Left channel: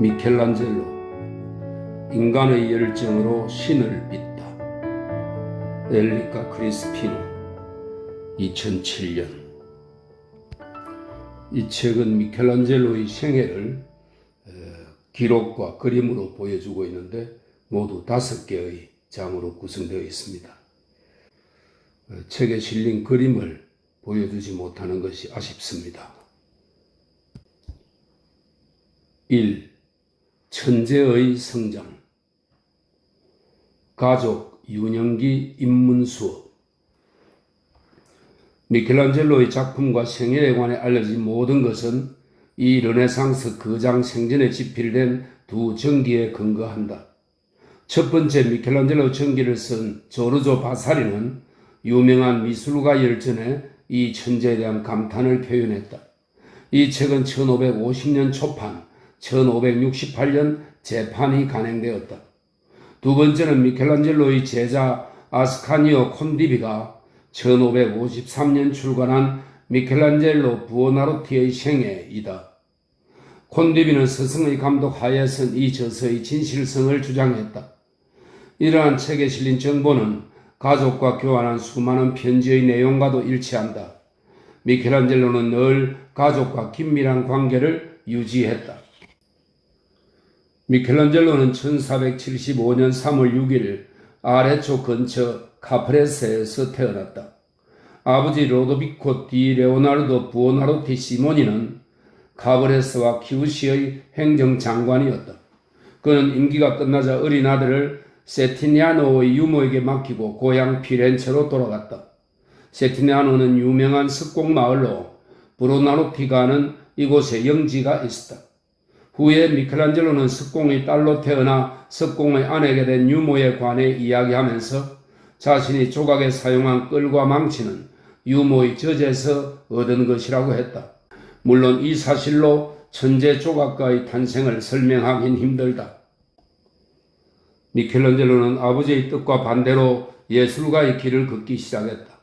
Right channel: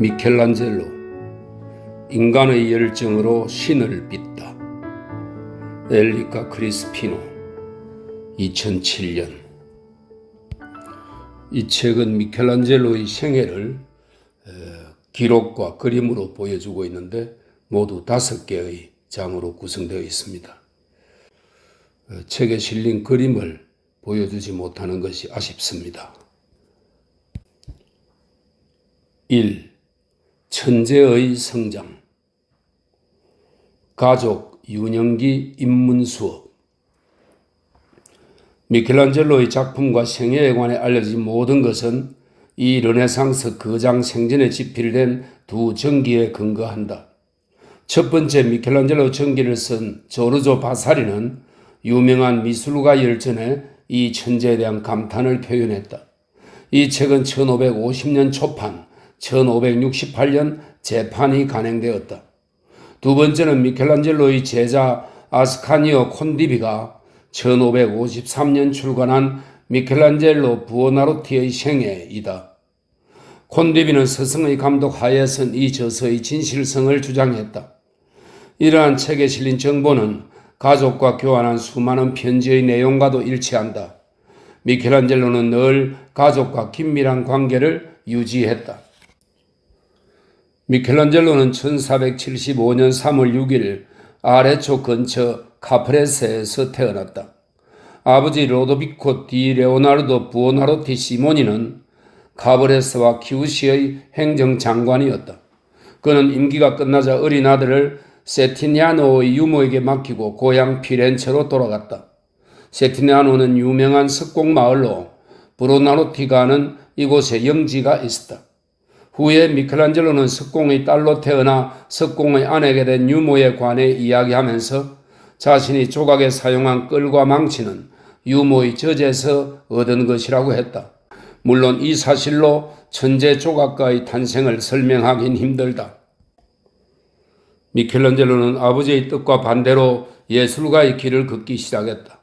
미켈란젤로 인간의 열정으로 신을 빚다. 엘리카 크리스피노 2007년. 이 책은 미켈란젤로의 생애를 기록과 그림으로 보여주고 있는데 모두 5개의 장으로 구성되어 있습니다. 책에 실린 그림을 보여주지 못하는 것이 아쉽습니다. 1. 천재의 성장. 가족 유년기 입문 수업. 미켈란젤로의 작품과 생애에 관해 알려진 모든 것은 이 르네상스 거장 생전에 집필된 두 전기에 근거한다. 첫 번째 미켈란젤로 전기를 쓴 조르조 바사리는 유명한 미술가 열전에 이 천재에 대한 감탄을 표현했다. 이 책은 1550년 초판, 1568년 재판이 간행되었다. 두 번째는 미켈란젤로의 제자 아스카니오 콘디비가 1553년 출간한 미켈란젤로 부오나로티의 생애이다. 콘디비는 스승의 감독 하에 쓴 이 저서의 진실성을 주장했다. 이러한 책에 실린 정보는 가족과 교환한 수많은 편지의 내용과도 일치한다. 미켈란젤로는 늘 가족과 긴밀한 관계를 유지했다. 미켈란젤로는 1475년 3월 6일 아레초 근처 카프레세에서 태어났다. 아버지 로도비코 디 레오나르도 부오나로티 시모니는 카브레스와 키우시의 행정장관이었다. 그는 임기가 끝나자 어린 아들을 세티니아노의 유모에게 맡기고 고향 피렌체로 돌아갔다. 세티니아노는 유명한 석공마을로 브로나로티가는 이곳에 영지가 있었다. 후에 미켈란젤로는 석공의 딸로 태어나 석공의 아내가 된 유모에 관해 이야기하면서 자신이 조각에 사용한 끌과 망치는 유모의 젖에서 얻은 것이라고 했다. 물론 이 사실로 천재 조각가의 탄생을 설명하긴 힘들다. 미켈란젤로는 아버지의 뜻과 반대로 예술가의 길을 걷기 시작했다.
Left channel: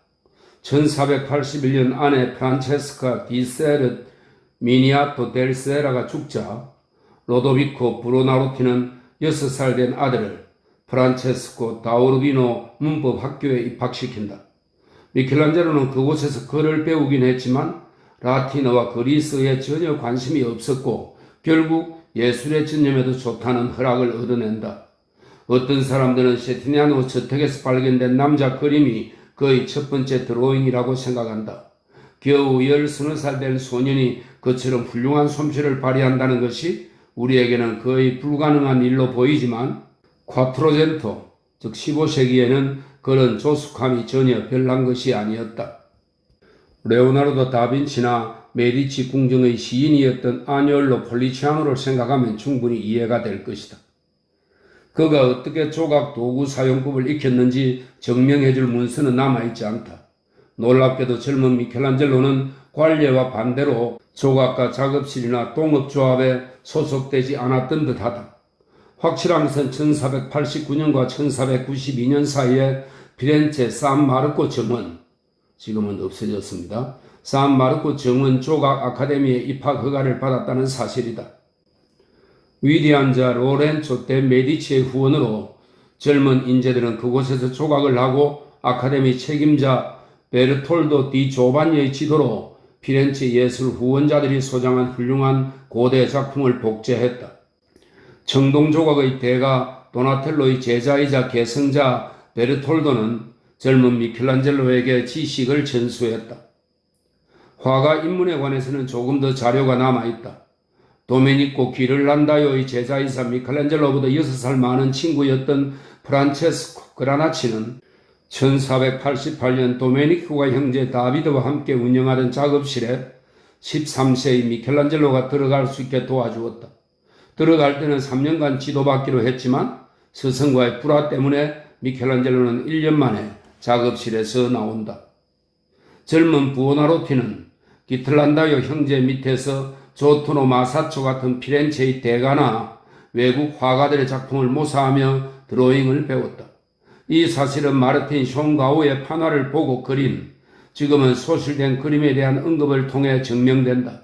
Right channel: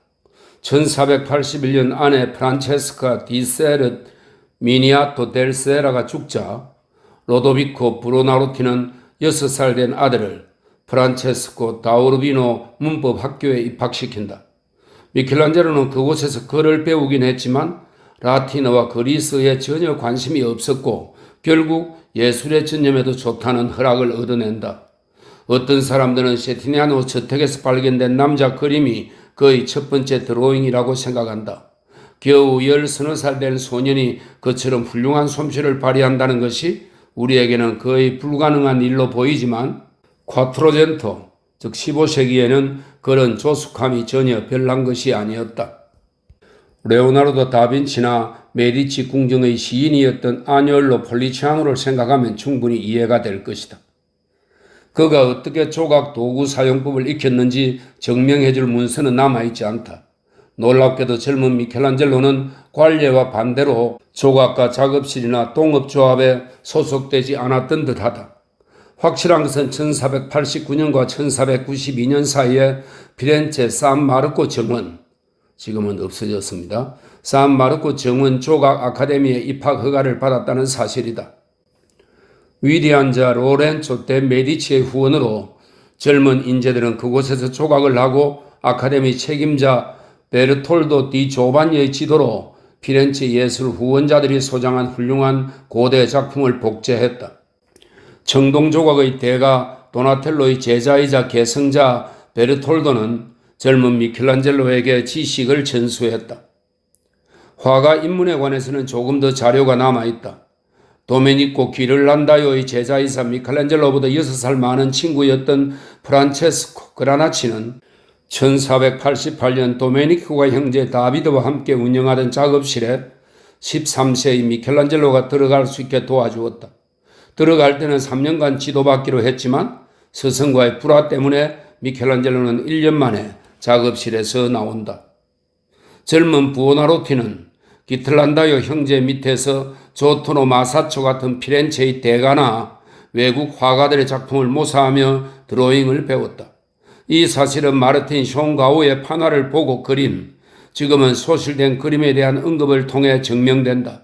1481년 아내 프란체스카 디 세르 미니아토 델 세라가 죽자 로도비코 브로나로티는 6살 된 아들을 프란체스코 다우르비노 문법학교에 입학시킨다. 미켈란젤로는 그곳에서 글을 배우긴 했지만 라틴어와 그리스어에 전혀 관심이 없었고 결국 예술에 전념해도 좋다는 허락을 얻어낸다. 어떤 사람들은 세티니아노 저택에서 발견된 남자 그림이 그의 첫 번째 드로잉이라고 생각한다. 겨우 10살 된 소년이 그처럼 훌륭한 솜씨를 발휘한다는 것이 우리에게는 거의 불가능한 일로 보이지만 콰트로젠토, 즉 15세기에는 그런 조숙함이 전혀 별난 것이 아니었다. 레오나르도 다빈치나 메디치 궁정의 시인이었던 아뇨엘로 폴리치아노를 생각하면 충분히 이해가 될 것이다. 그가 어떻게 조각 도구 사용법을 익혔는지 증명해줄 문서는 남아있지 않다. 놀랍게도 젊은 미켈란젤로는 관례와 반대로 조각가 작업실이나 동업조합에 소속되지 않았던 듯하다. 확실한 것은 1489년과 1492년 사이에 피렌체 산마르코 정원, 지금은 없어졌습니다. 산마르코 정원 조각 아카데미에 입학 허가를 받았다는 사실이다. 위대한 자 로렌초 데 메디치의 후원으로 젊은 인재들은 그곳에서 조각을 하고 아카데미 책임자 베르톨도 디 조반니의 지도로 피렌체 예술 후원자들이 소장한 훌륭한 고대 작품을 복제했다. 청동조각의 대가 도나텔로의 제자이자 계승자 베르톨도는 젊은 미켈란젤로에게 지식을 전수했다. 화가 입문에 관해서는 조금 더 자료가 남아있다. 도메니코 기를란다요의 제자이사 미켈란젤로보다 6살 많은 친구였던 프란체스코 그라나치는 1488년 도메니코가 형제 다비드와 함께 운영하던 작업실에 13세의 미켈란젤로가 들어갈 수 있게 도와주었다. 들어갈 때는 3년간 지도받기로 했지만 스승과의 불화 때문에 미켈란젤로는 1년 만에 작업실에서 나온다. 젊은 부오나로티는 기틀란다요 형제 밑에서 조토노 마사초 같은 피렌체의 대가나 외국 화가들의 작품을 모사하며 드로잉을 배웠다. 이 사실은 마르틴 숑가우의 판화를 보고 그린, 지금은 소실된 그림에 대한 언급을 통해 증명된다.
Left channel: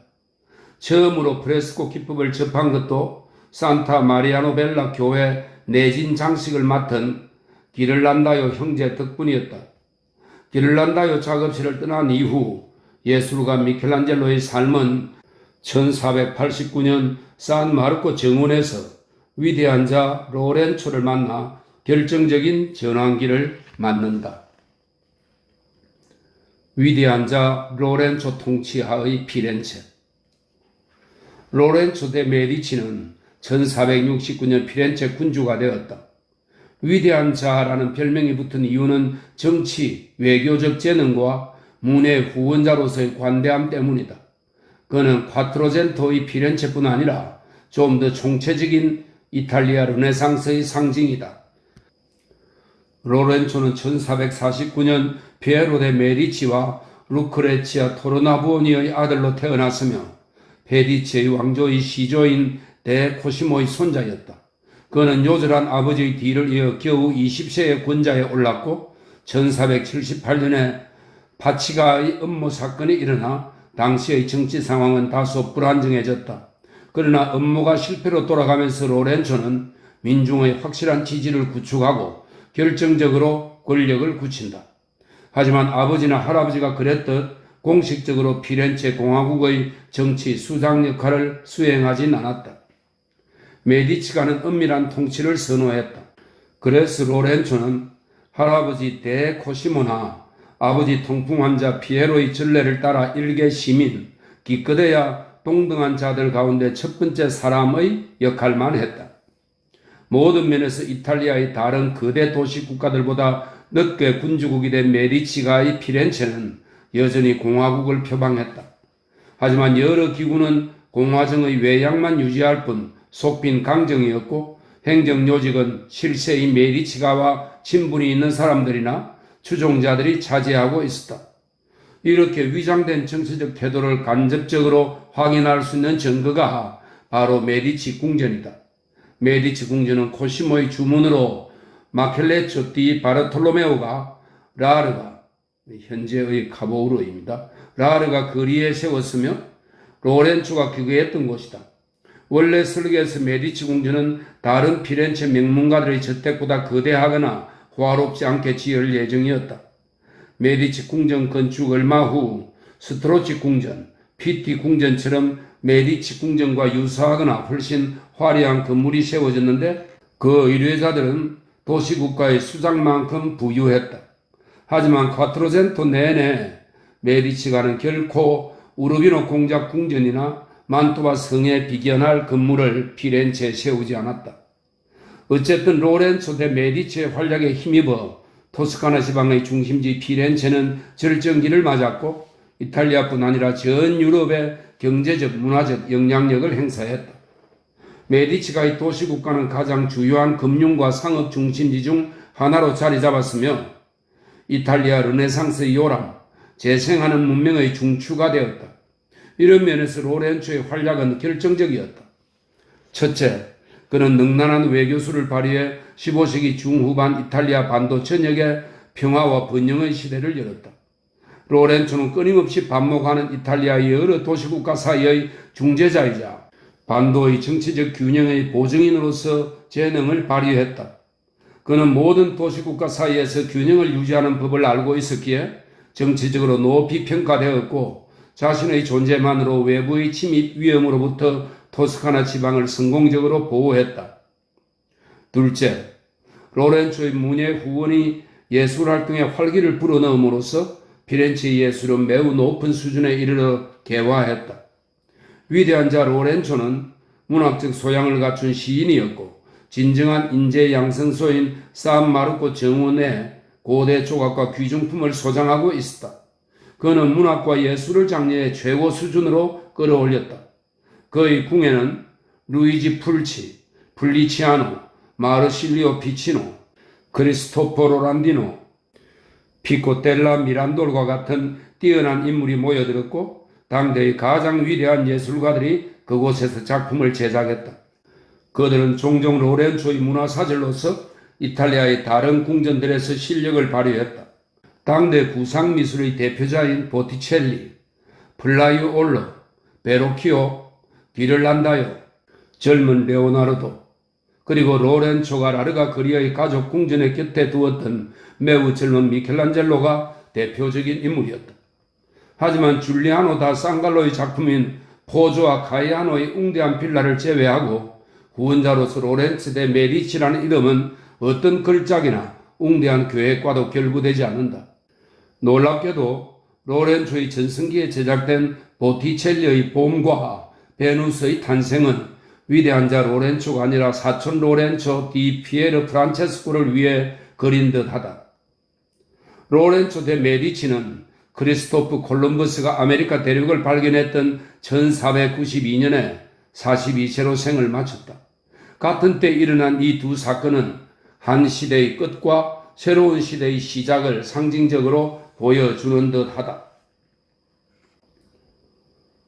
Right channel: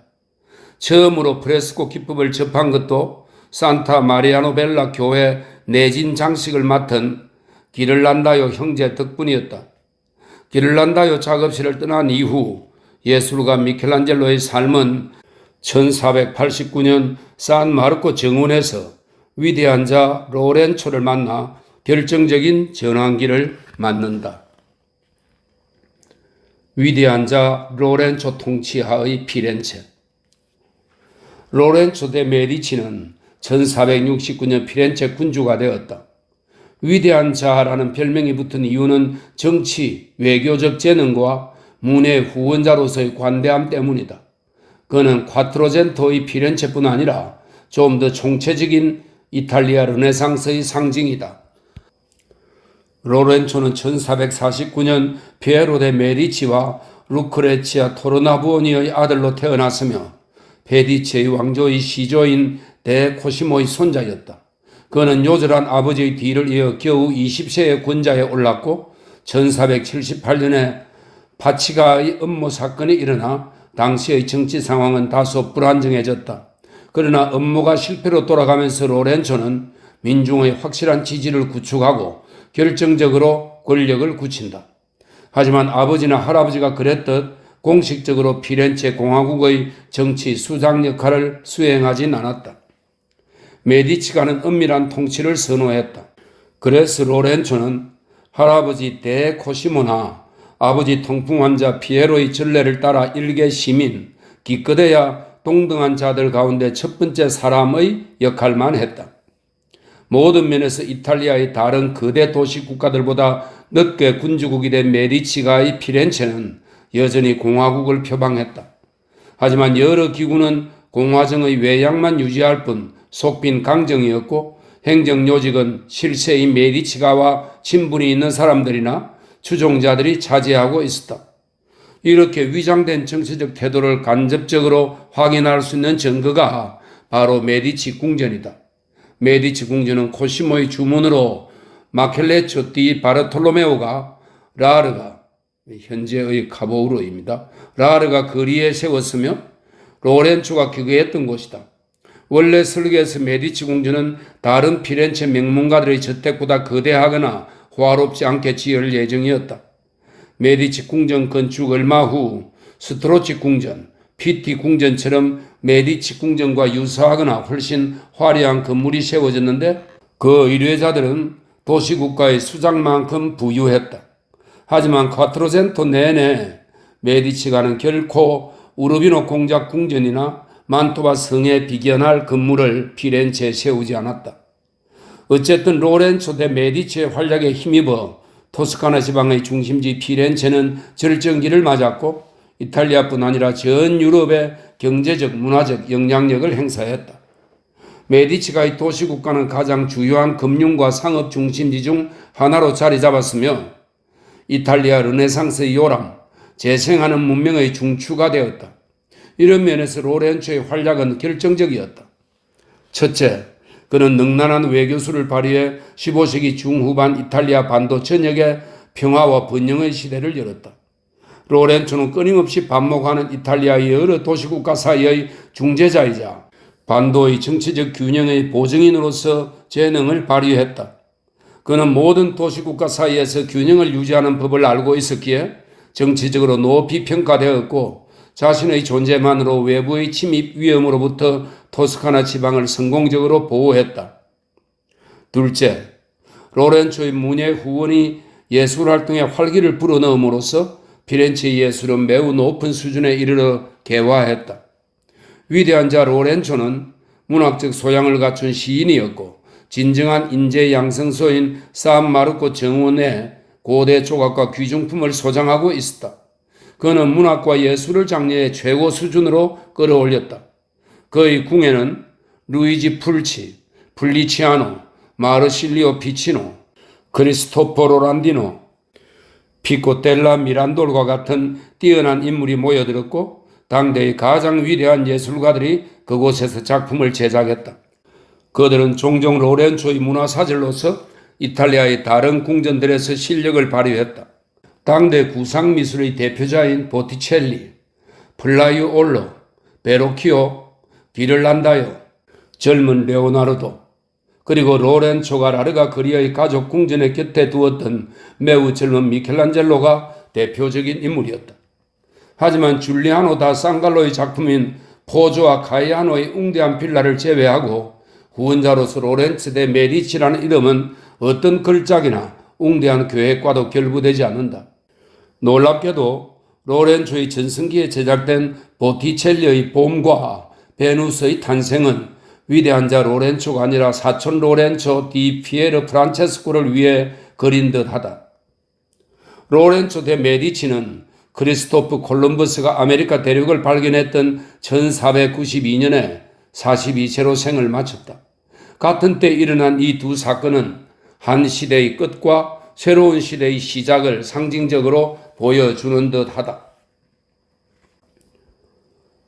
처음으로 프레스코 기법을 접한 것도 산타 마리아노벨라 교회 내진 장식을 맡은 기를란다요 형제 덕분이었다. 기를란다요 작업실을 떠난 이후 예술가 미켈란젤로의 삶은 1489년 산마르코 정원에서 위대한 자 로렌초를 만나 결정적인 전환기를 맞는다. 위대한 자 로렌초 통치하의 피렌체. 로렌초 데 메디치는 1469년 피렌체 군주가 되었다. 위대한 자라는 별명이 붙은 이유는 정치, 외교적 재능과 문의 후원자로서의 관대함 때문이다. 그는 콰트로젠토의 피렌체뿐 아니라 좀 더 총체적인 이탈리아 르네상스의 상징이다. 로렌초는 1449년 피에로 데 메디치와 루크레치아 토르나부오니의 아들로 태어났으며 페디치의 왕조의 시조인 데 코시모의 손자였다. 그는 요절한 아버지의 뒤를 이어 겨우 20세의 권자에 올랐고 1478년에 파치가의 음모 사건이 일어나 당시의 정치 상황은 다소 불안정해졌다. 그러나 음모가 실패로 돌아가면서 로렌초는 민중의 확실한 지지를 구축하고 결정적으로 권력을 굳힌다. 하지만 아버지나 할아버지가 그랬듯 공식적으로 피렌체 공화국의 정치 수장 역할을 수행하진 않았다. 메디치가는 은밀한 통치를 선호했다. 그래서 로렌초는 할아버지 데 코시모나 아버지 통풍 환자 피에로의 전례를 따라 일개 시민, 기껏해야 동등한 자들 가운데 첫 번째 사람의 역할만 했다. 모든 면에서 이탈리아의 다른 거대 도시 국가들보다 늦게 군주국이 된 메디치가의 피렌체는 여전히 공화국을 표방했다. 하지만 여러 기구는 공화정의 외양만 유지할 뿐 속빈 강정이었고 행정요직은 실세의 메디치가와 친분이 있는 사람들이나 추종자들이 차지하고 있었다. 이렇게 위장된 정치적 태도를 간접적으로 확인할 수 있는 증거가 바로 메디치 궁전이다. 메디치 궁전은 코시모의 주문으로 마켈레초 디 바르톨로메오가 라르가 현재의 카보우르입니다. 라르가 거리에 세웠으며 로렌초가 기거했던 곳이다. 원래 설계에서 메디치 궁전은 다른 피렌체 명문가들의 저택보다 거대하거나 호화롭지 않게 지을 예정이었다. 메디치 궁전 건축 얼마 후 스트로치 궁전, 피티 궁전처럼 메디치 궁전과 유사하거나 훨씬 화려한 건물이 세워졌는데 그 의뢰자들은 도시국가의 수장만큼 부유했다. 하지만 콰트로젠토 내내 메디치가는 결코 우르비노 공작 궁전이나 만토바 성에 비견할 건물을 피렌체에 세우지 않았다. 어쨌든 로렌초 데 메디치의 활약에 힘입어 토스카나 지방의 중심지 피렌체는 절정기를 맞았고 이탈리아뿐 아니라 전 유럽의 경제적, 문화적 영향력을 행사했다. 메디치가의 도시국가는 가장 주요한 금융과 상업 중심지 중 하나로 자리 잡았으며 이탈리아 르네상스의 요람, 재생하는 문명의 중추가 되었다. 이런 면에서 로렌초의 활약은 결정적이었다. 첫째, 그는 능란한 외교술을 발휘해 15세기 중후반 이탈리아 반도 전역에 평화와 번영의 시대를 열었다. 로렌초는 끊임없이 반목하는 이탈리아의 여러 도시국가 사이의 중재자이자 반도의 정치적 균형의 보증인으로서 재능을 발휘했다. 그는 모든 도시국가 사이에서 균형을 유지하는 법을 알고 있었기에 정치적으로 높이 평가되었고 자신의 존재만으로 외부의 침입 위험으로부터 토스카나 지방을 성공적으로 보호했다. 둘째, 로렌초의 문예 후원이 예술활동에 활기를 불어넣음으로써 피렌체 예술은 매우 높은 수준에 이르러 개화했다. 위대한 자 로렌초는 문학적 소양을 갖춘 시인이었고 진정한 인재 양성소인 산마르코 정원에 고대 조각과 귀중품을 소장하고 있었다. 그는 문학과 예술을 장래의 최고 수준으로 끌어올렸다. 그의 궁에는 루이지 풀치, 블리치아노, 마르실리오 피치노, 크리스토포 란디노, 피코텔라 미란돌과 같은 뛰어난 인물이 모여들었고 당대의 가장 위대한 예술가들이 그곳에서 작품을 제작했다. 그들은 종종 로렌초의 문화사절로서 이탈리아의 다른 궁전들에서 실력을 발휘했다. 당대 구상미술의 대표자인 보티첼리, 플라이올로, 베로키오, 기를란다요, 젊은 레오나르도, 그리고 로렌초가 라르가 그리아의 가족 궁전의 곁에 두었던 매우 젊은 미켈란젤로가 대표적인 인물이었다. 하지만 줄리아노 다 상갈로의 작품인 포조와 카이아노의 웅대한 빌라를 제외하고 후원자로서 로렌츠 데 메디치라는 이름은 어떤 걸작이나 웅대한 계획과도 결부되지 않는다. 놀랍게도 로렌초의 전성기에 제작된 보티첼리의 봄과 베누스의 탄생은 위대한 자 로렌초가 아니라 사촌 로렌초 디 피에르 프란체스코를 위해 그린 듯하다. 로렌초 데 메디치는 크리스토프 콜럼버스가 아메리카 대륙을 발견했던 1492년에 42세로 생을 마쳤다. 같은 때 일어난 이 두 사건은 한 시대의 끝과 새로운 시대의 시작을 상징적으로 보여주는 듯하다.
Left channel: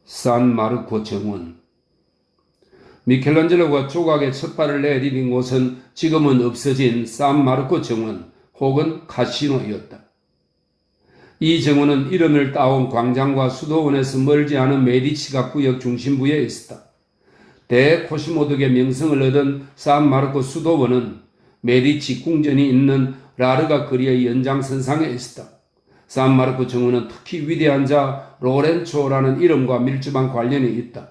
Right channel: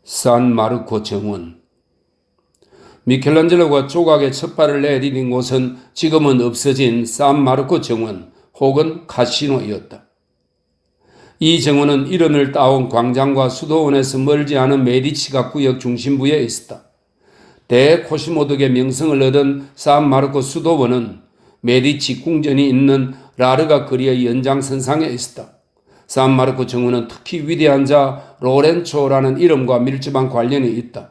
산마르코 정원. 미켈란젤로가 조각의 첫 발을 내디딘 곳은 지금은 없어진 산마르코 정원 혹은 카시노이었다. 이 정원은 이름을 따온 광장과 수도원에서 멀지 않은 메디치가 구역 중심부에 있었다. 대코시모덕의 명성을 얻은 산마르코 수도원은 메디치 궁전이 있는 라르가 거리의 연장선상에 있었다. 산마르코 정원은 특히 위대한 자 로렌초라는 이름과 밀접한 관련이 있다.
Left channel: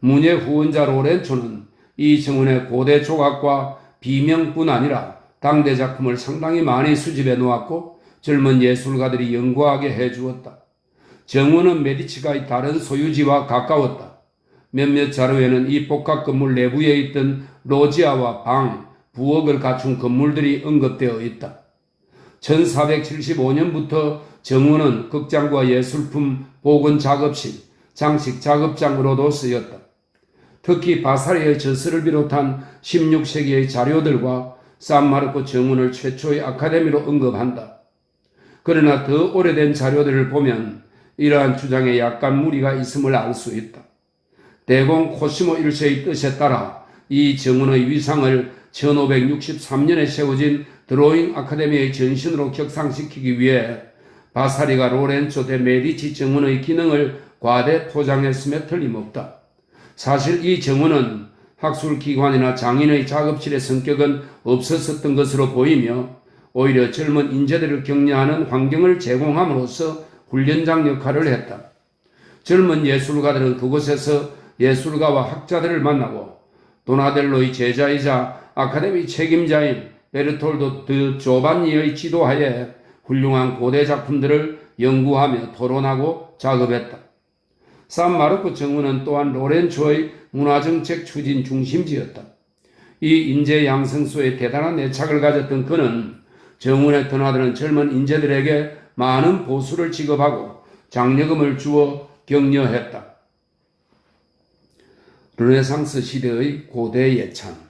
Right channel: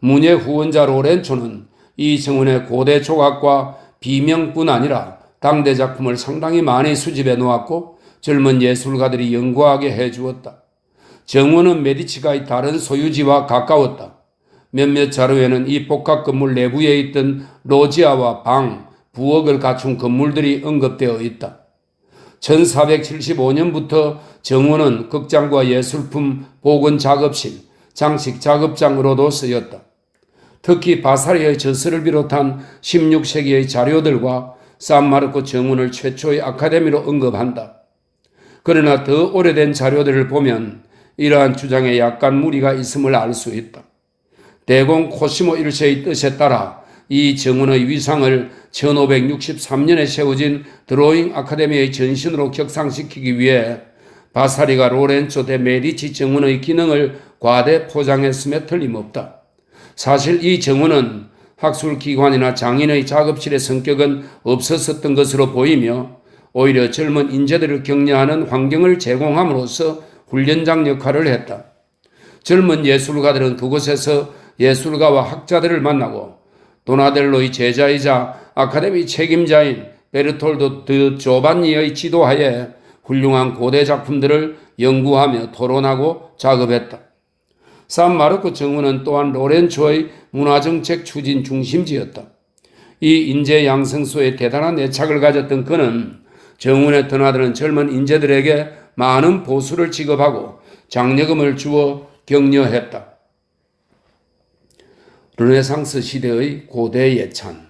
문예 후원자 로렌초는 이 정원의 고대 조각과 비명뿐 아니라 당대 작품을 상당히 많이 수집해 놓았고 젊은 예술가들이 연구하게 해주었다. 정원은 메디치가의 다른 소유지와 가까웠다. 몇몇 자료에는 이 복합 건물 내부에 있던 로지아와 방, 부엌을 갖춘 건물들이 언급되어 있다. 1475년부터 정원은 극장과 예술품 보건 작업실, 장식 작업장으로도 쓰였다. 특히 바사리의 저서를 비롯한 16세기의 자료들과 산마르코 정원을 최초의 아카데미로 언급한다. 그러나 더 오래된 자료들을 보면 이러한 주장에 약간 무리가 있음을 알 수 있다. 대공 코시모 1세의 뜻에 따라 이 정원의 위상을 1563년에 세워진 드로잉 아카데미의 전신으로 격상시키기 위해 바사리가 로렌초 데 메디치 정원의 기능을 과대 포장했음에 틀림없다. 사실 이 정원은 학술기관이나 장인의 작업실의 성격은 없었던 것으로 보이며 오히려 젊은 인재들을 격려하는 환경을 제공함으로써 훈련장 역할을 했다. 젊은 예술가들은 그곳에서 예술가와 학자들을 만나고 도나델로의 제자이자 아카데미 책임자인 베르톨도 드 조반니의 지도하에 훌륭한 고대 작품들을 연구하며 토론하고 작업했다. 산마르코 정원은 또한 로렌초의 문화정책 추진 중심지였다. 이 인재 양성소에 대단한 애착을 가졌던 그는 정원에 드나드는 젊은 인재들에게 많은 보수를 지급하고 장려금을 주어 격려했다. 르네상스 시대의 고대 예찬.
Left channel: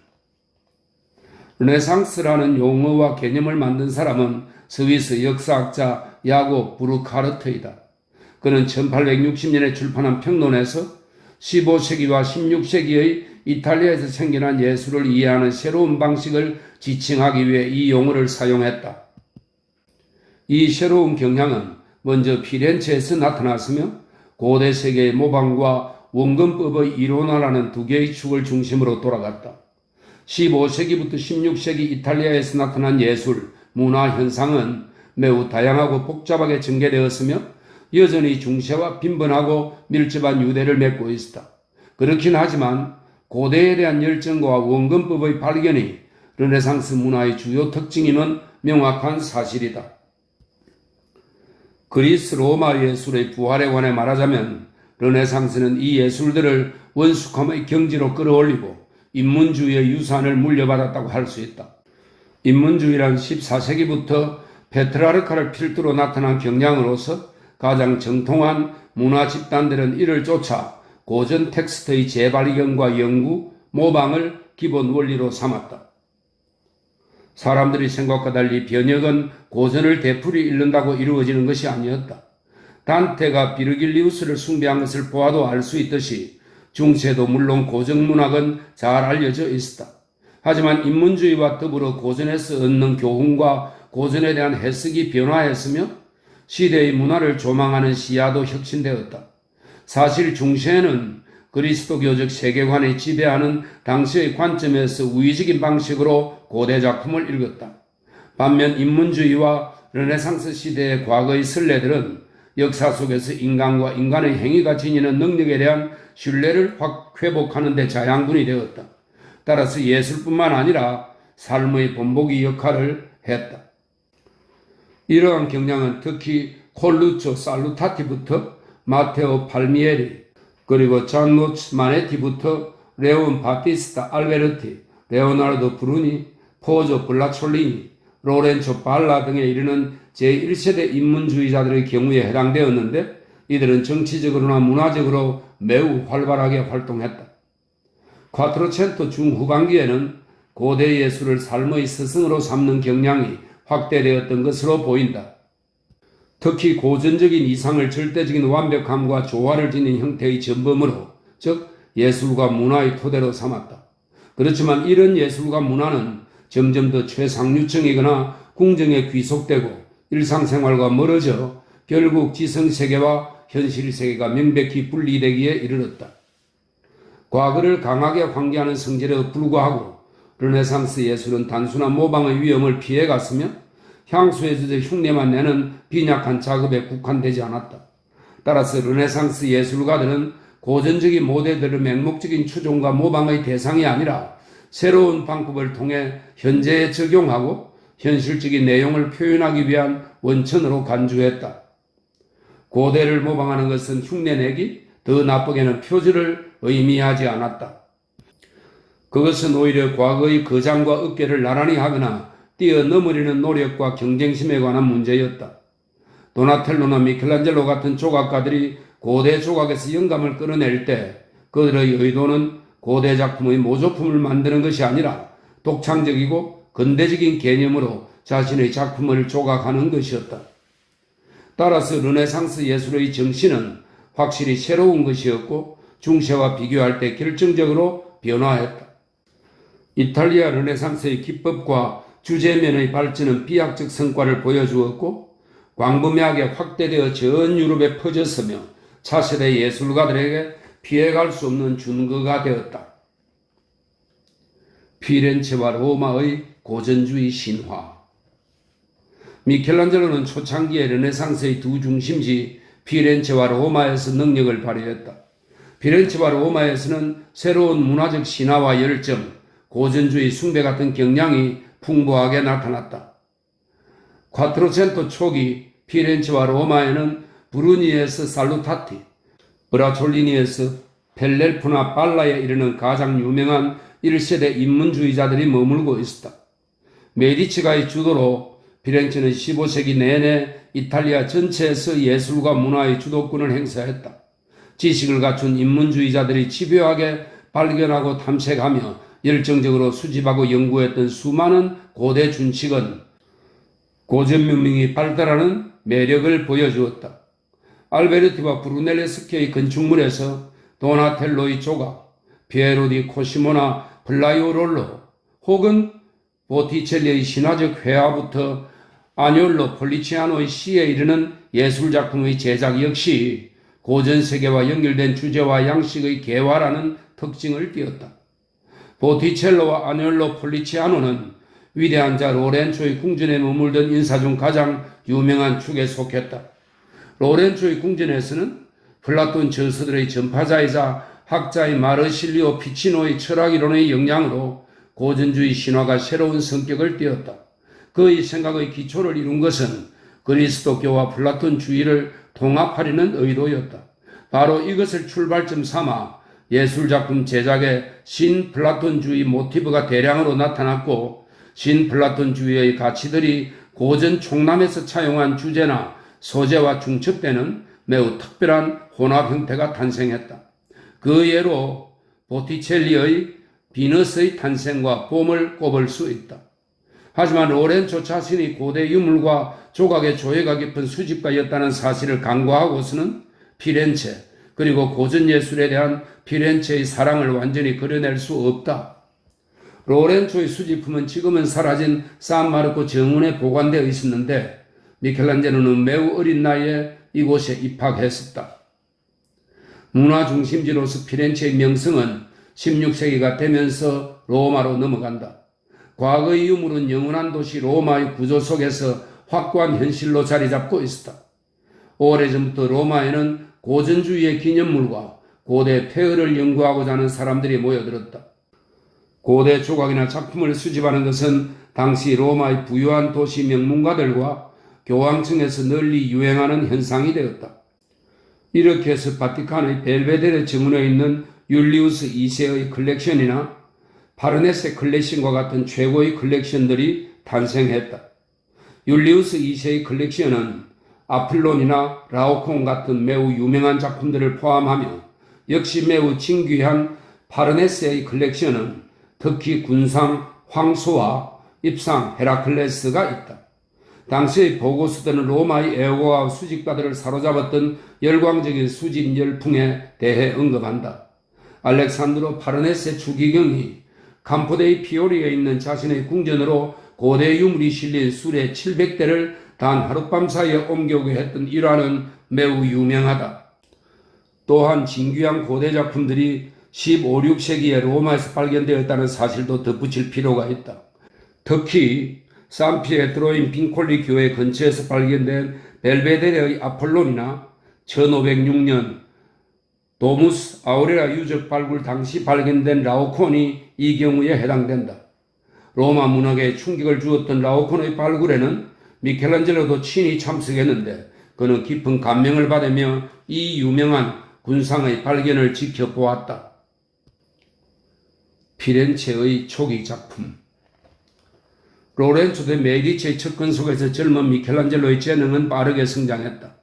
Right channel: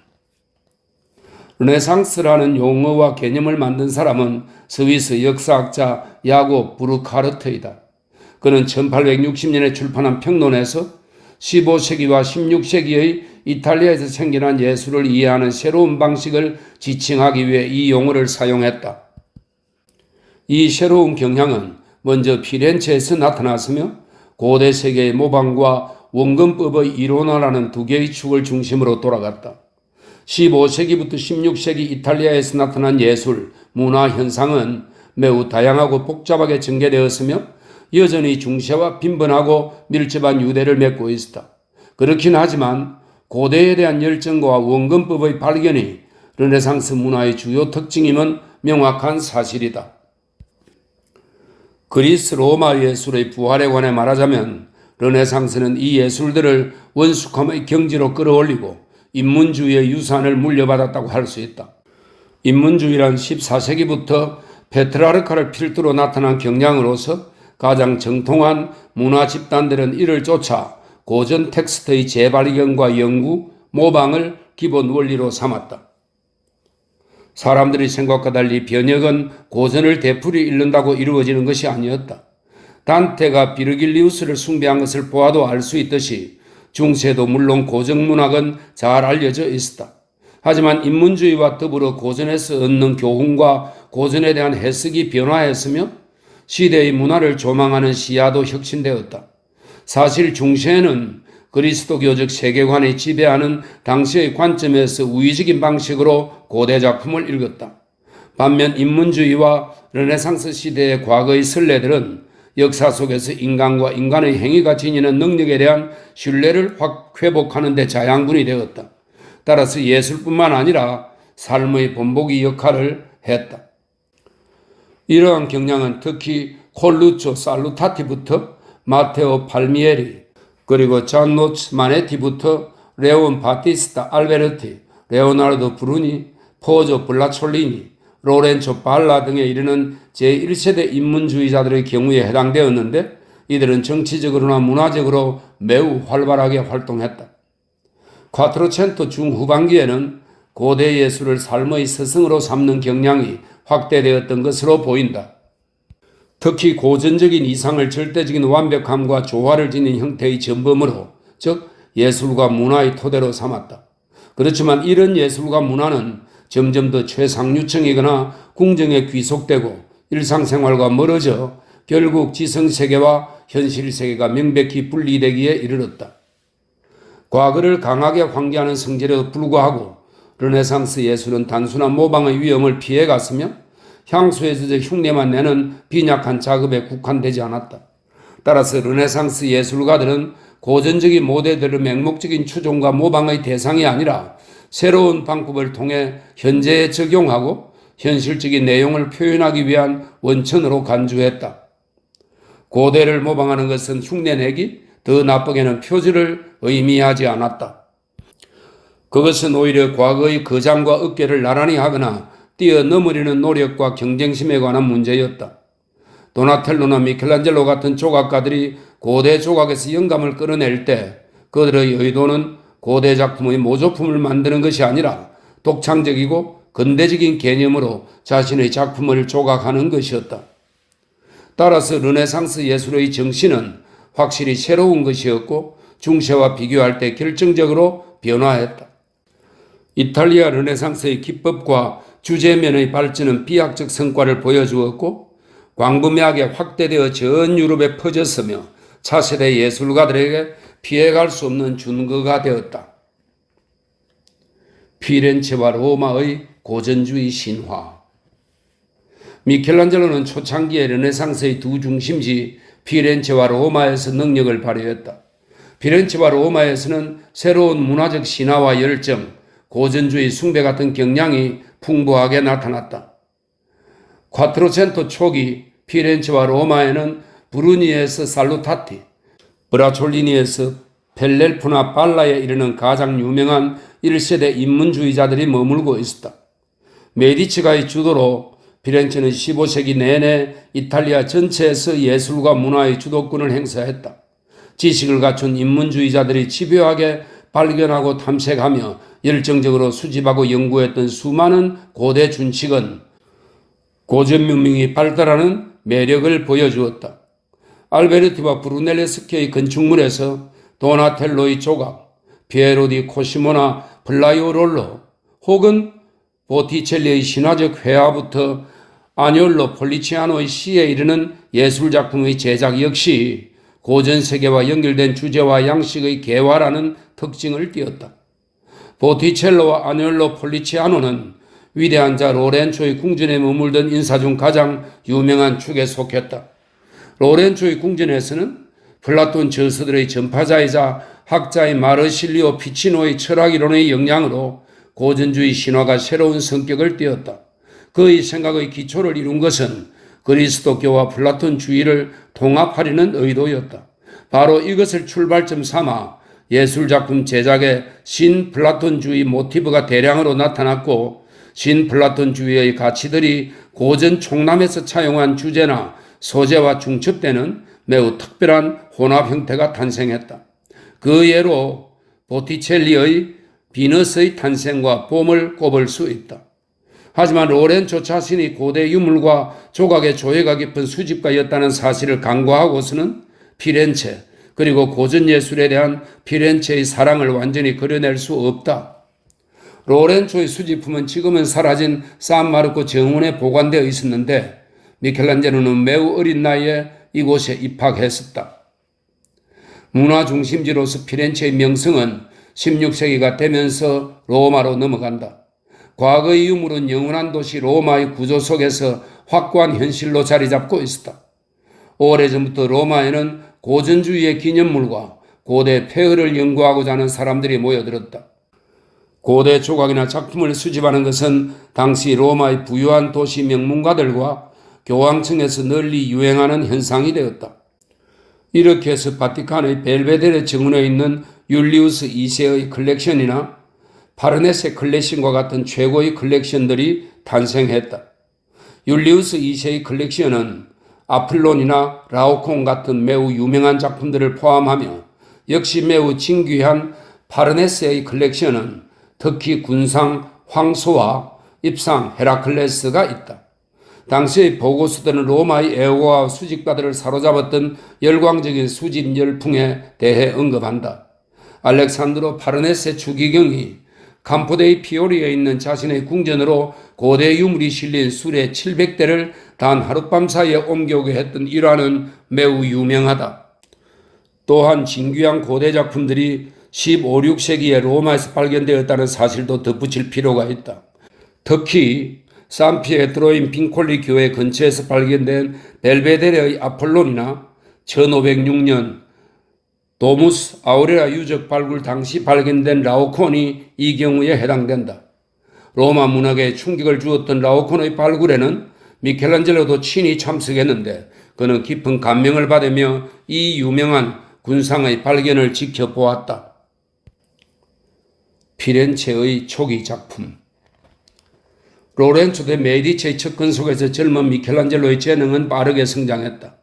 르네상스라는 용어와 개념을 만든 사람은 스위스 역사학자 야곱 브루카르트이다. 그는 1860년에 출판한 평론에서 15세기와 16세기의 이탈리아에서 생겨난 예술을 이해하는 새로운 방식을 지칭하기 위해 이 용어를 사용했다. 이 새로운 경향은 먼저 피렌체에서 나타났으며 고대 세계의 모방과 원근법의 이론화라는 두 개의 축을 중심으로 돌아갔다. 15세기부터 16세기 이탈리아에서 나타난 예술, 문화 현상은 매우 다양하고 복잡하게 전개되었으며 여전히 중세와 빈번하고 밀접한 유대를 맺고 있었다. 그렇긴 하지만 고대에 대한 열정과 원근법의 발견이 르네상스 문화의 주요 특징임은 명확한 사실이다. 그리스 로마 예술의 부활에 관해 말하자면 르네상스는 이 예술들을 원숙함의 경지로 끌어올리고 인문주의의 유산을 물려받았다고 할 수 있다. 인문주의란 14세기부터 페트라르카를 필두로 나타난 경향으로서 가장 정통한 문화 집단들은 이를 쫓아 고전 텍스트의 재발견과 연구, 모방을 기본 원리로 삼았다. 사람들이 생각과 달리 변혁은 고전을 되풀이 읽는다고 이루어지는 것이 아니었다. 단테가 비르길리우스를 숭배한 것을 보아도 알 수 있듯이 중세도 물론 고전문학은 잘 알려져 있었다. 하지만 인문주의와 더불어 고전에서 얻는 교훈과 고전에 대한 해석이 변화했으며 시대의 문화를 조망하는 시야도 혁신되었다. 사실 중세에는 그리스도교적 세계관이 지배하는 당시의 관점에서 우위적인 방식으로 고대 작품을 읽었다. 반면 인문주의와 르네상스 시대의 과거의 선례들은 역사 속에서 인간과 인간의 행위가 지니는 능력에 대한 신뢰를 회복하는 데 자양분이 되었다. 따라서 예술뿐만 아니라 삶의 본보기 역할을 했다. 이러한 경향은 특히 콜루초 살루타티부터 마테오 팔미에리, 그리고 잔노츠 마네티부터 레온 바티스타 알베르티, 레오나르도 브루니, 포조 블라촐리니, 로렌초 발라 등에 이르는 제1세대 인문주의자들의 경우에 해당되었는데, 이들은 정치적으로나 문화적으로 매우 활발하게 활동했다. 콰트로첸토 중후반기에는 고대 예술을 삶의 스승으로 삼는 경향이 확대되었던 것으로 보인다. 특히 고전적인 이상을 절대적인 완벽함과 조화를 지닌 형태의 전범으로, 즉 예술과 문화의 토대로 삼았다. 그렇지만 이런 예술과 문화는 점점 더 최상류층이거나 궁정에 귀속되고 일상생활과 멀어져 결국 지성세계와 현실세계가 명백히 분리되기에 이르렀다. 과거를 강하게 환기하는 성질에도 불구하고 르네상스 예술은 단순한 모방의 위험을 피해갔으며 향수에 젖어 흉내만 내는 빈약한 작업에 국한되지 않았다. 따라서 르네상스 예술가들은 고전적인 모델들의 맹목적인 추종과 모방의 대상이 아니라 새로운 방법을 통해 현재에 적용하고 현실적인 내용을 표현하기 위한 원천으로 간주했다. 고대를 모방하는 것은 흉내내기, 더 나쁘게는 표절을 의미하지 않았다. 그것은 오히려 과거의 거장과 어깨를 나란히 하거나 뛰어넘으려는 노력과 경쟁심에 관한 문제였다. 도나텔로나 미켈란젤로 같은 조각가들이 고대 조각에서 영감을 끌어낼 때 그들의 의도는 고대 작품의 모조품을 만드는 것이 아니라 독창적이고 근대적인 개념으로 자신의 작품을 조각하는 것이었다. 따라서 르네상스 예술의 정신은 확실히 새로운 것이었고 중세와 비교할 때 결정적으로 변화했다. 이탈리아 르네상스의 기법과 주제면의 발전은 비약적 성과를 보여주었고 광범위하게 확대되어 전 유럽에 퍼졌으며 차세대 예술가들에게 피해갈 수 없는 준거가 되었다. 피렌체와 로마의 고전주의 신화. 미켈란젤로는 초창기의 르네상스의 두 중심지 피렌체와 로마에서 능력을 발휘했다. 피렌체와 로마에서는 새로운 문화적 신화와 열정, 고전주의 숭배 같은 경향이 풍부하게 나타났다. 콰트로첸토 초기 피렌체와 로마에는 브루니에서 살루타티, 브라촐리니에서 펠렐프나 발라에 이르는 가장 유명한 1세대 인문주의자들이 머물고 있었다. 메디치가의 주도로 피렌체는 15세기 내내 이탈리아 전체에서 예술과 문화의 주도권을 행사했다. 지식을 갖춘 인문주의자들이 집요하게 발견하고 탐색하며 열정적으로 수집하고 연구했던 수많은 고대 준칙은 고전 문명이 발달하는 매력을 보여주었다. 알베르티와 브루넬레스키의 건축물에서 도나텔로의 조각, 피에로 디 코시모나 플라이오롤로 혹은 보티첼리의 신화적 회화부터 아니올로 폴리치아노의 시에 이르는 예술작품의 제작 역시 고전 세계와 연결된 주제와 양식의 개화라는 특징을 띠었다. 보티첼로와 아니올로 폴리치아노는 위대한 자 로렌초의 궁전에 머물던 인사 중 가장 유명한 축에 속했다. 로렌초의 궁전에서는 플라톤 저서들의 전파자이자 학자의 마르실리오 피치노의 철학이론의 영향으로 고전주의 신화가 새로운 성격을 띠었다. 그의 생각의 기초를 이룬 것은 그리스도교와 플라톤주의를 통합하려는 의도였다. 바로 이것을 출발점 삼아 예술작품 제작에 신플라톤주의 모티브가 대량으로 나타났고 신플라톤주의의 가치들이 고전 총람에서 차용한 주제나 소재와 중첩되는 매우 특별한 혼합 형태가 탄생했다. 그 예로 보티첼리의 비너스의 탄생과 봄을 꼽을 수 있다. 하지만 로렌초 자신이 고대 유물과 조각의 조예가 깊은 수집가였다는 사실을 간과하고서는 피렌체 그리고 고전 예술에 대한 피렌체의 사랑을 완전히 그려낼 수 없다. 로렌초의 수집품은 지금은 사라진 산마르코 정원에 보관되어 있었는데 미켈란젤로는 매우 어린 나이에 이곳에 입학했었다. 문화 중심지로서 피렌체의 명성은 16세기가 되면서 로마로 넘어간다. 과거의 유물은 영원한 도시 로마의 구조 속에서 확고한 현실로 자리 잡고 있었다. 오래전부터 로마에는 고전주의의 기념물과 고대 폐허를 연구하고자 하는 사람들이 모여들었다. 고대 조각이나 작품을 수집하는 것은 당시 로마의 부유한 도시 명문가들과 교황층에서 널리 유행하는 현상이 되었다. 이렇게 해서 바티칸의 벨베데레 정원에 있는 율리우스 2세의 컬렉션이나 파르네세 컬렉션과 같은 최고의 컬렉션들이 탄생했다. 율리우스 2세의 컬렉션은 아플론이나 라오콘 같은 매우 유명한 작품들을 포함하며 역시 매우 진귀한 파르네세의 컬렉션은 특히 군상 황소와 입상 헤라클레스가 있다. 당시의 보고서들은 로마의 애호와 수집가들을 사로잡았던 열광적인 수집 열풍에 대해 언급한다. 알렉산드로 파르네세 추기경이 campo dei Fiori에 있는 자신의 궁전으로 고대 유물이 실린 수레 700대를 단 하룻밤 사이에 옮겨오게 했던 일화는 매우 유명하다. 또한 진귀한 고대 작품들이 15, 16세기에 로마에서 발견되었다는 사실도 덧붙일 필요가 있다. 특히 산피에트로인 빈콜리 교회 근처에서 발견된 벨베데레의 아폴론이나 1506년 도무스 아우레라 유적 발굴 당시 발견된 라오콘이 이 경우에 해당된다. 로마 문학에 충격을 주었던 라오콘의 발굴에는 미켈란젤로도 친히 참석했는데 그는 깊은 감명을 받으며 이 유명한 군상의 발견을 지켜보았다. 피렌체의 초기 작품. 로렌조 데 메디치의 척근 속에서 젊은 미켈란젤로의 재능은 빠르게 성장했다.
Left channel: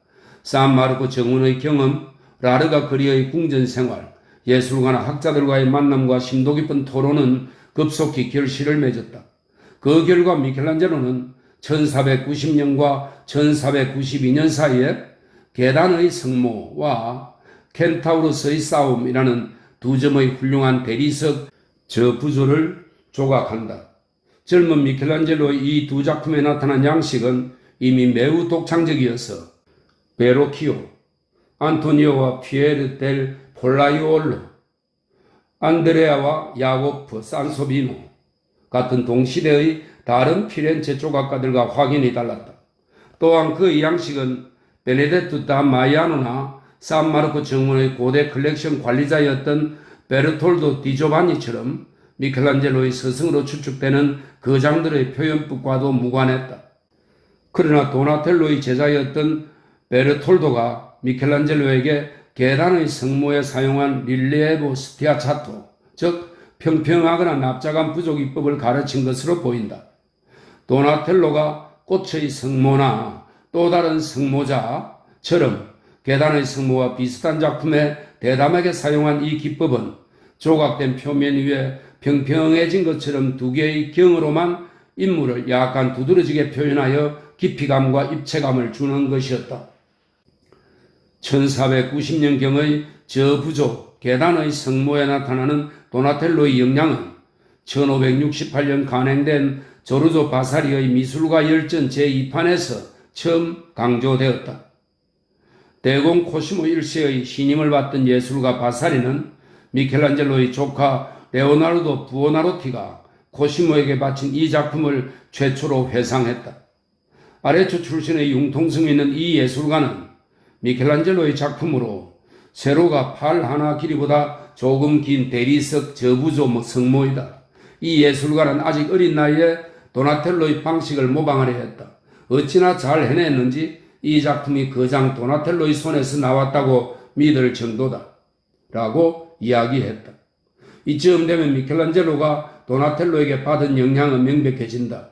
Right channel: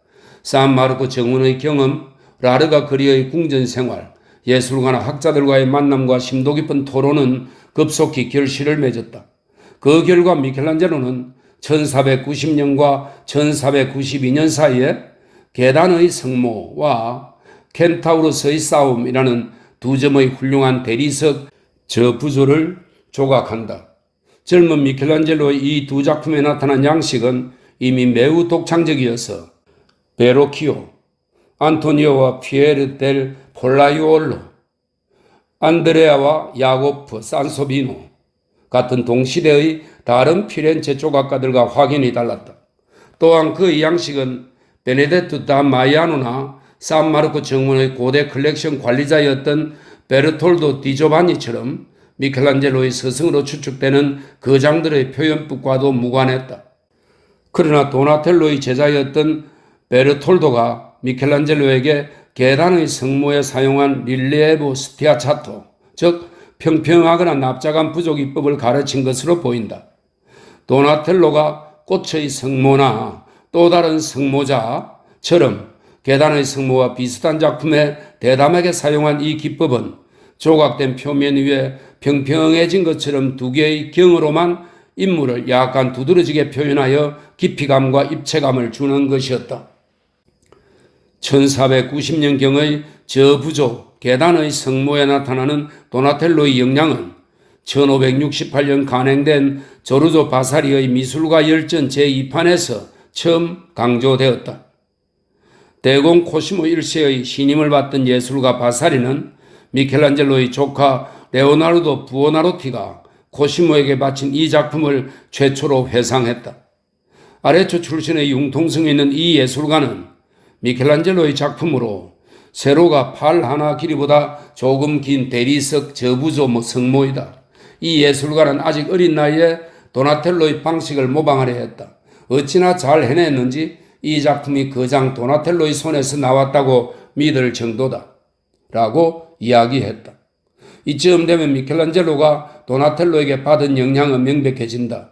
산마르코 정원의 경험, 라르가 그리의 궁전 생활, 예술가나 학자들과의 만남과 심도 깊은 토론은 급속히 결실을 맺었다. 그 결과 미켈란젤로는 1490년과 1492년 사이에 계단의 성모와 켄타우로스의 싸움이라는 두 점의 훌륭한 대리석 저부조를 조각한다. 젊은 미켈란젤로의 이 두 작품에 나타난 양식은 이미 매우 독창적이어서 베로키오, 안토니오와 피에르 델 폴라이올로, 안드레아와 야고프 산소비노 같은 동시대의 다른 피렌체 조각가들과 확연히 달랐다. 또한 그의 양식은 베네데투 다 마이아노나 산마르코 정원의 고대 컬렉션 관리자였던 베르톨도 디조바니처럼 미켈란젤로의 스승으로 추측되는 거장들의 표현법과도 무관했다. 그러나 도나텔로의 제자였던 베르톨도가 미켈란젤로에게 계단의 성모에 사용한 릴리에보 스티아차토, 즉 평평하거나 납작한 부족이법을 가르친 것으로 보인다. 도나텔로가 꽃의 성모나 또 다른 성모자처럼 계단의 성모와 비슷한 작품에 대담하게 사용한 이 기법은 조각된 표면 위에 평평해진 것처럼 두 개의 경으로만 인물을 약간 두드러지게 표현하여 깊이감과 입체감을 주는 것이었다. 1490년경의 저부조 계단의 성모에 나타나는 도나텔로의 영향은 1568년 간행된 조르조 바사리의 미술가 열전 제2판에서 처음 강조되었다. 대공 코시모 1세의 신임을 받던 예술가 바사리는 미켈란젤로의 조카 레오나르도 부오나로티가 코시모에게 바친 이 작품을 최초로 회상했다. 아레초 출신의 융통성이 있는 이 예술가는 미켈란젤로의 작품으로 세로가 팔 하나 길이보다 조금 긴 대리석 저부조 성모이다. 이 예술가는 아직 어린 나이에 도나텔로의 방식을 모방하려 했다. 어찌나 잘 해냈는지 이 작품이 거장 도나텔로의 손에서 나왔다고 믿을 정도다. 라고 이야기했다. 이쯤 되면 미켈란젤로가 도나텔로에게 받은 영향은 명백해진다.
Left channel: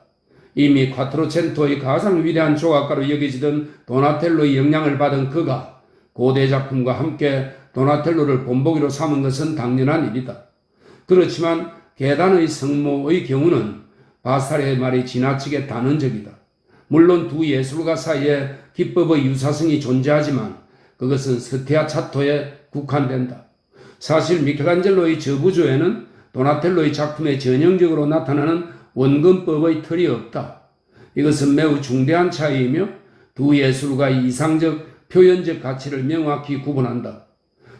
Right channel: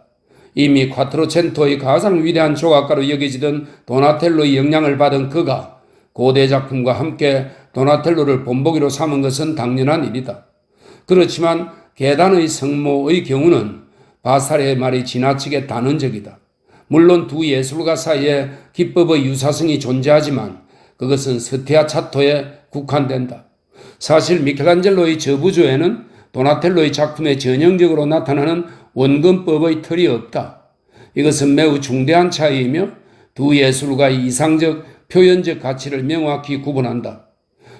이미 콰트로첸토의 가장 위대한 조각가로 여겨지던 도나텔로의 영향을 받은 그가 고대 작품과 함께 도나텔로를 본보기로 삼은 것은 당연한 일이다. 그렇지만 계단의 성모의 경우는 바사리의 말이 지나치게 단언적이다. 물론 두 예술가 사이에 기법의 유사성이 존재하지만 그것은 스티아차토에 국한된다. 사실 미켈란젤로의 저부조에는 도나텔로의 작품에 전형적으로 나타나는 원근법의 틀이 없다. 이것은 매우 중대한 차이이며 두 예술가의 이상적 표현적 가치를 명확히 구분한다.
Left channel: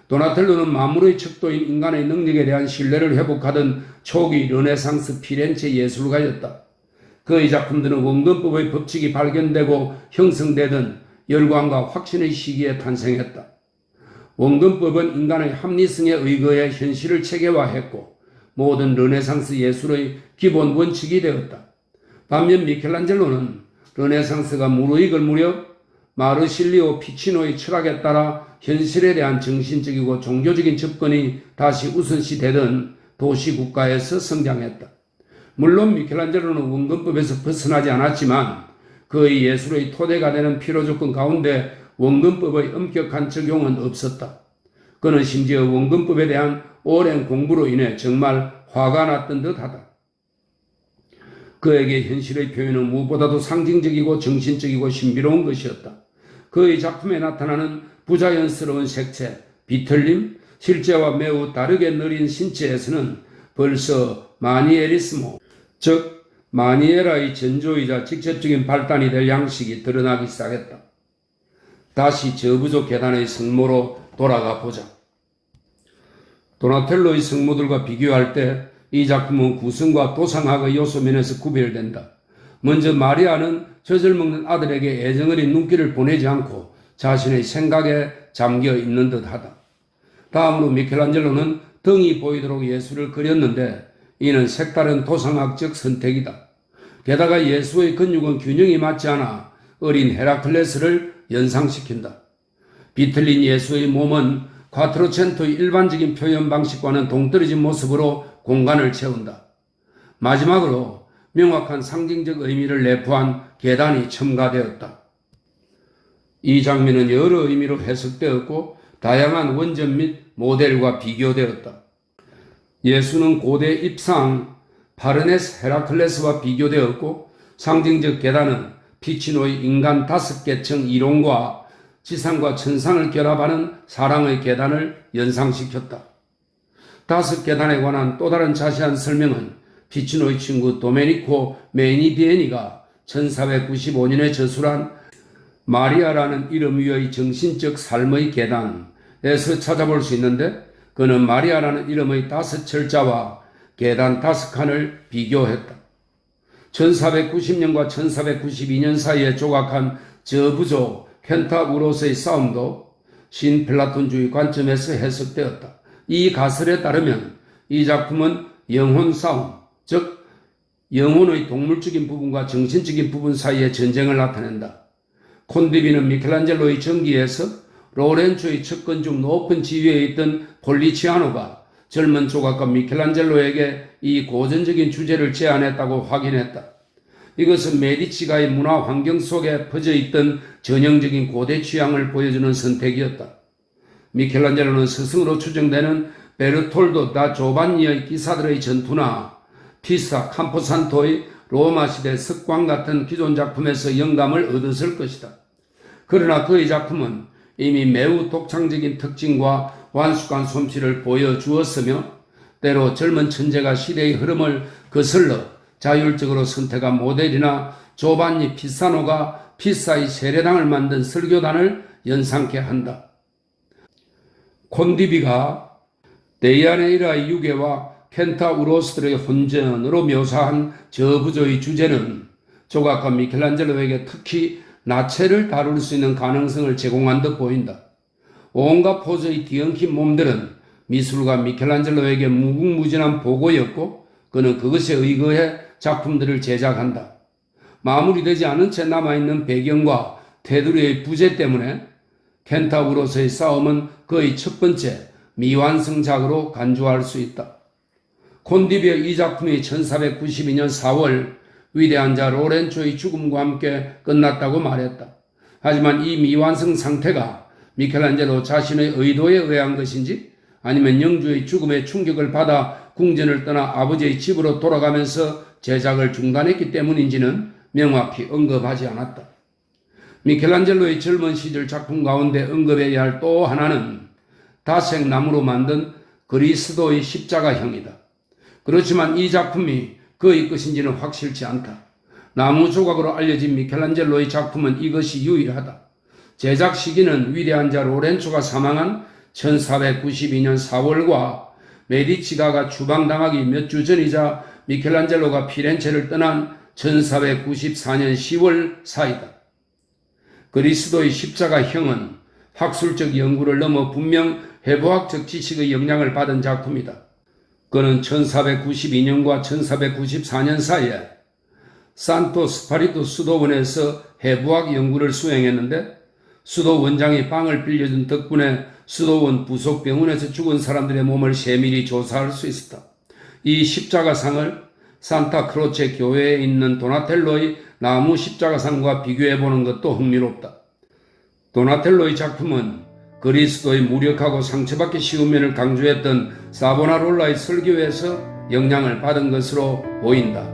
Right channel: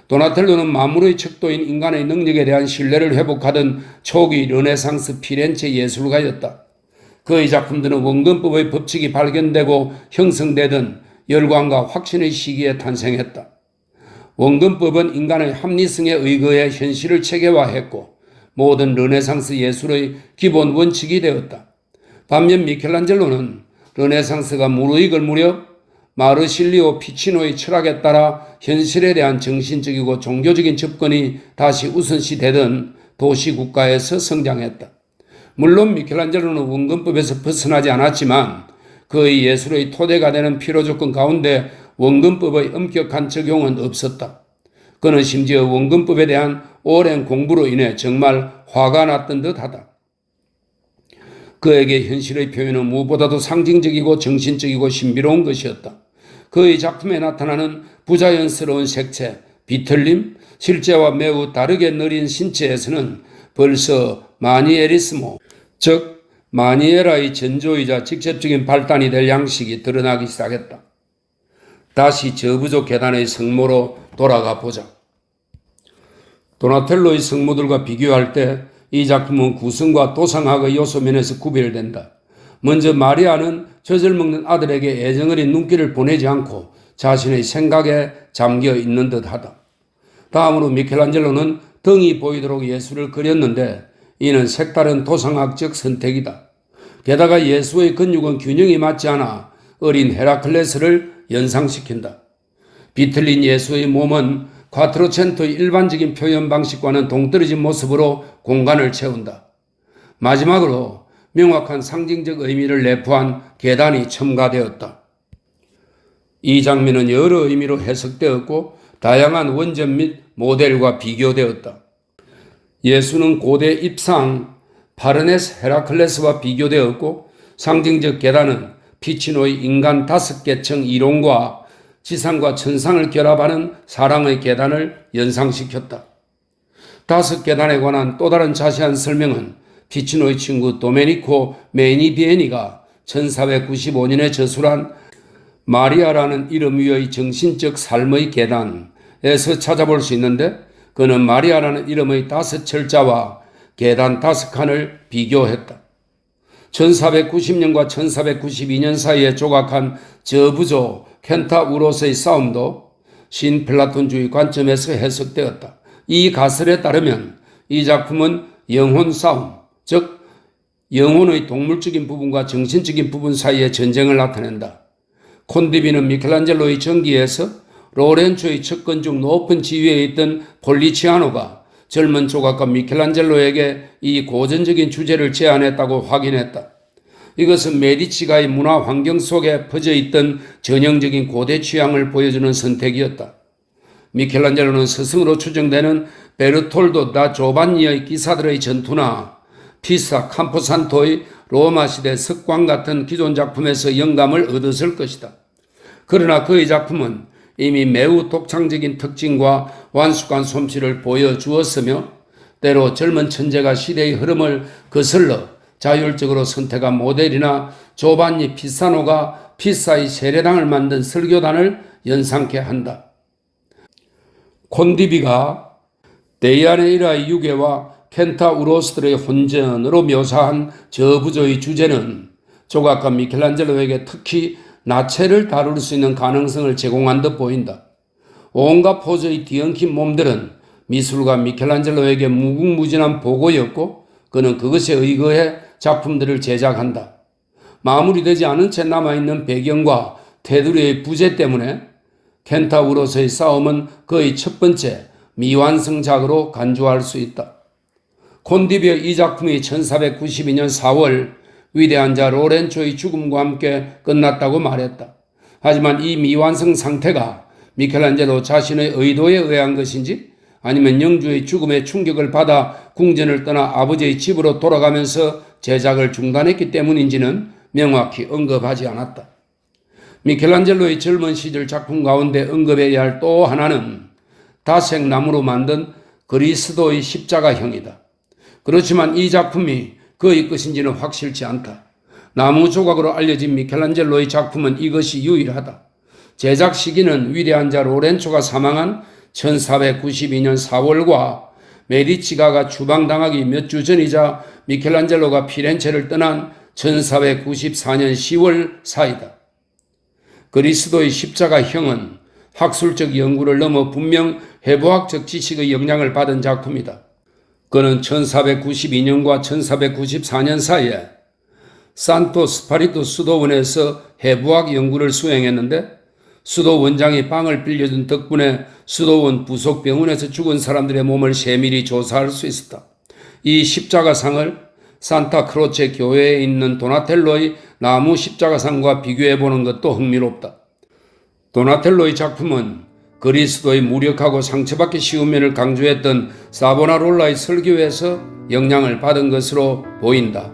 도나텔로는 만물의 척도인 인간의 능력에 대한 신뢰를 회복하던 초기 르네상스 피렌체 예술가였다. 그의 작품들은 원근법의 법칙이 발견되고 형성되던 열광과 확신의 시기에 탄생했다. 원근법은 인간의 합리성에 의거해 현실을 체계화했고 모든 르네상스 예술의 기본 원칙이 되었다. 반면 미켈란젤로는 르네상스가 무르익을 무렵 마르실리오 피치노의 철학에 따라 현실에 대한 정신적이고 종교적인 접근이 다시 우선시되던 도시국가에서 성장했다. 물론 미켈란젤로는 원근법에서 벗어나지 않았지만 그의 예술의 토대가 되는 필요조건 가운데 원근법의 엄격한 적용은 없었다. 그는 심지어 원근법에 대한 오랜 공부로 인해 정말 화가 났던 듯하다. 그에게 현실의 표현은 무엇보다도 상징적이고 정신적이고 신비로운 것이었다. 그의 작품에 나타나는 부자연스러운 색채, 비틀림, 실제와 매우 다르게 느린 신체에서는 벌써 마니에리스모, 즉 마니에라의 전조이자 직접적인 발단이 될 양식이 드러나기 시작했다. 다시 저부조 계단의 성모로 돌아가 보자. 도나텔로의 성모들과 비교할 때 이 작품은 구성과 도상학의 요소면에서 구별된다. 먼저 마리아는 젖을 먹는 아들에게 애정어린 눈길을 보내지 않고 자신의 생각에 잠겨 있는 듯하다. 다음으로 미켈란젤로는 등이 보이도록 예술을 그렸는데 이는 색다른 도상학적 선택이다. 게다가 예수의 근육은 균형이 맞지 않아 어린 헤라클레스를 연상시킨다. 비틀린 예수의 몸은 콰트로첸토의 일반적인 표현 방식과는 동떨어진 모습으로 공간을 채운다. 마지막으로 명확한 상징적 의미를 내포한 계단이 첨가되었다. 이 장면은 여러 의미로 해석되었고 다양한 원전 및 모델과 비교되었다. 예수는 고대 입상 파르네스 헤라클레스와 비교되었고 상징적 계단은 피치노의 인간 5계층 이론과 지상과 천상을 결합하는 사랑의 계단을 연상시켰다. 5계단에 관한 또 다른 자세한 설명은 피치노의 친구 도메니코 메니디에니가 1495년에 저술한 마리아라는 이름 위의 정신적 삶의 계단에서 찾아볼 수 있는데 그는 마리아라는 이름의 5철자와 계단 5칸을 비교했다. 1490년과 1492년 사이에 조각한 저부조 켄타우로스의 싸움도 신플라톤주의 관점에서 해석되었다. 이 가설에 따르면 이 작품은 영혼 싸움, 즉 영혼의 동물적인 부분과 정신적인 부분 사이의 전쟁을 나타낸다. 콘디비는 미켈란젤로의 전기에서 로렌초의 척근 중 높은 지위에 있던 폴리치아노가 젊은 조각가 미켈란젤로에게 이 고전적인 주제를 제안했다고 확인했다. 이것은 메디치가의 문화 환경 속에 퍼져 있던 전형적인 고대 취향을 보여주는 선택이었다. 미켈란젤로는 스승으로 추정되는 베르톨도 다 조반니의 기사들의 전투나 피사 camposanto의 로마 시대 석광 같은 기존 작품에서 영감을 얻었을 것이다. 그러나 그의 작품은 이미 매우 독창적인 특징과 완숙한 솜씨를 보여주었으며 때로 젊은 천재가 시대의 흐름을 거슬러 자율적으로 선택한 모델이나 조반니 피사노가 피사의 세례당을 만든 설교단을 연상케 한다. 콘디비가 데이아네이라의 유괴와 켄타우로스들의 혼전으로 묘사한 저부조의 주제는 조각가 미켈란젤로에게 특히 나체를 다룰 수 있는 가능성을 제공한 듯 보인다. 온갖 포즈의 뒤엉킨 몸들은 미술가 미켈란젤로에게 무궁무진한 보고였고 그는 그것에 의거해 작품들을 제작한다. 마무리되지 않은 채 남아있는 배경과 테두리의 부재 때문에 켄타우로스의 싸움은 그의 첫 번째 미완성작으로 간주할 수 있다. 콘디비의 이 작품이 1492년 4월 위대한 자 로렌초의 죽음과 함께 끝났다고 말했다. 하지만 이 미완성 상태가 미켈란젤로 자신의 의도에 의한 것인지 아니면 영주의 죽음에 충격을 받아 궁전을 떠나 아버지의 집으로 돌아가면서 제작을 중단했기 때문인지는 명확히 언급하지 않았다. 미켈란젤로의 젊은 시절 작품 가운데 언급해야 할 또 하나는 다색 나무로 만든 그리스도의 십자가형이다. 그렇지만 이 작품이 그의 것인지는 확실치 않다. 나무 조각으로 알려진 미켈란젤로의 작품은 이것이 유일하다. 제작 시기는 위대한 자 로렌초가 사망한 1492년 4월과 메디치가가 추방당하기 몇 주 전이자 미켈란젤로가 피렌체를 떠난 1494년 10월 사이다. 그리스도의 십자가형은 학술적 연구를 넘어 분명 해부학적 지식의 영향을 받은 작품이다. 그는 1492년과 1494년 사이에 산토 스파리토 수도원에서 해부학 연구를 수행했는데 수도 원장이 빵을 빌려준 덕분에 수도원 부속 병원에서 죽은 사람들의 몸을 세밀히 조사할 수 있었다. 이 십자가상을 산타크로체 교회에 있는 도나텔로의 나무 십자가상과 비교해보는 것도 흥미롭다. 도나텔로의 작품은 그리스도의 무력하고 상처받기 쉬운 면을 강조했던 사보나롤라의 설교에서 영향을 받은 것으로 보인다.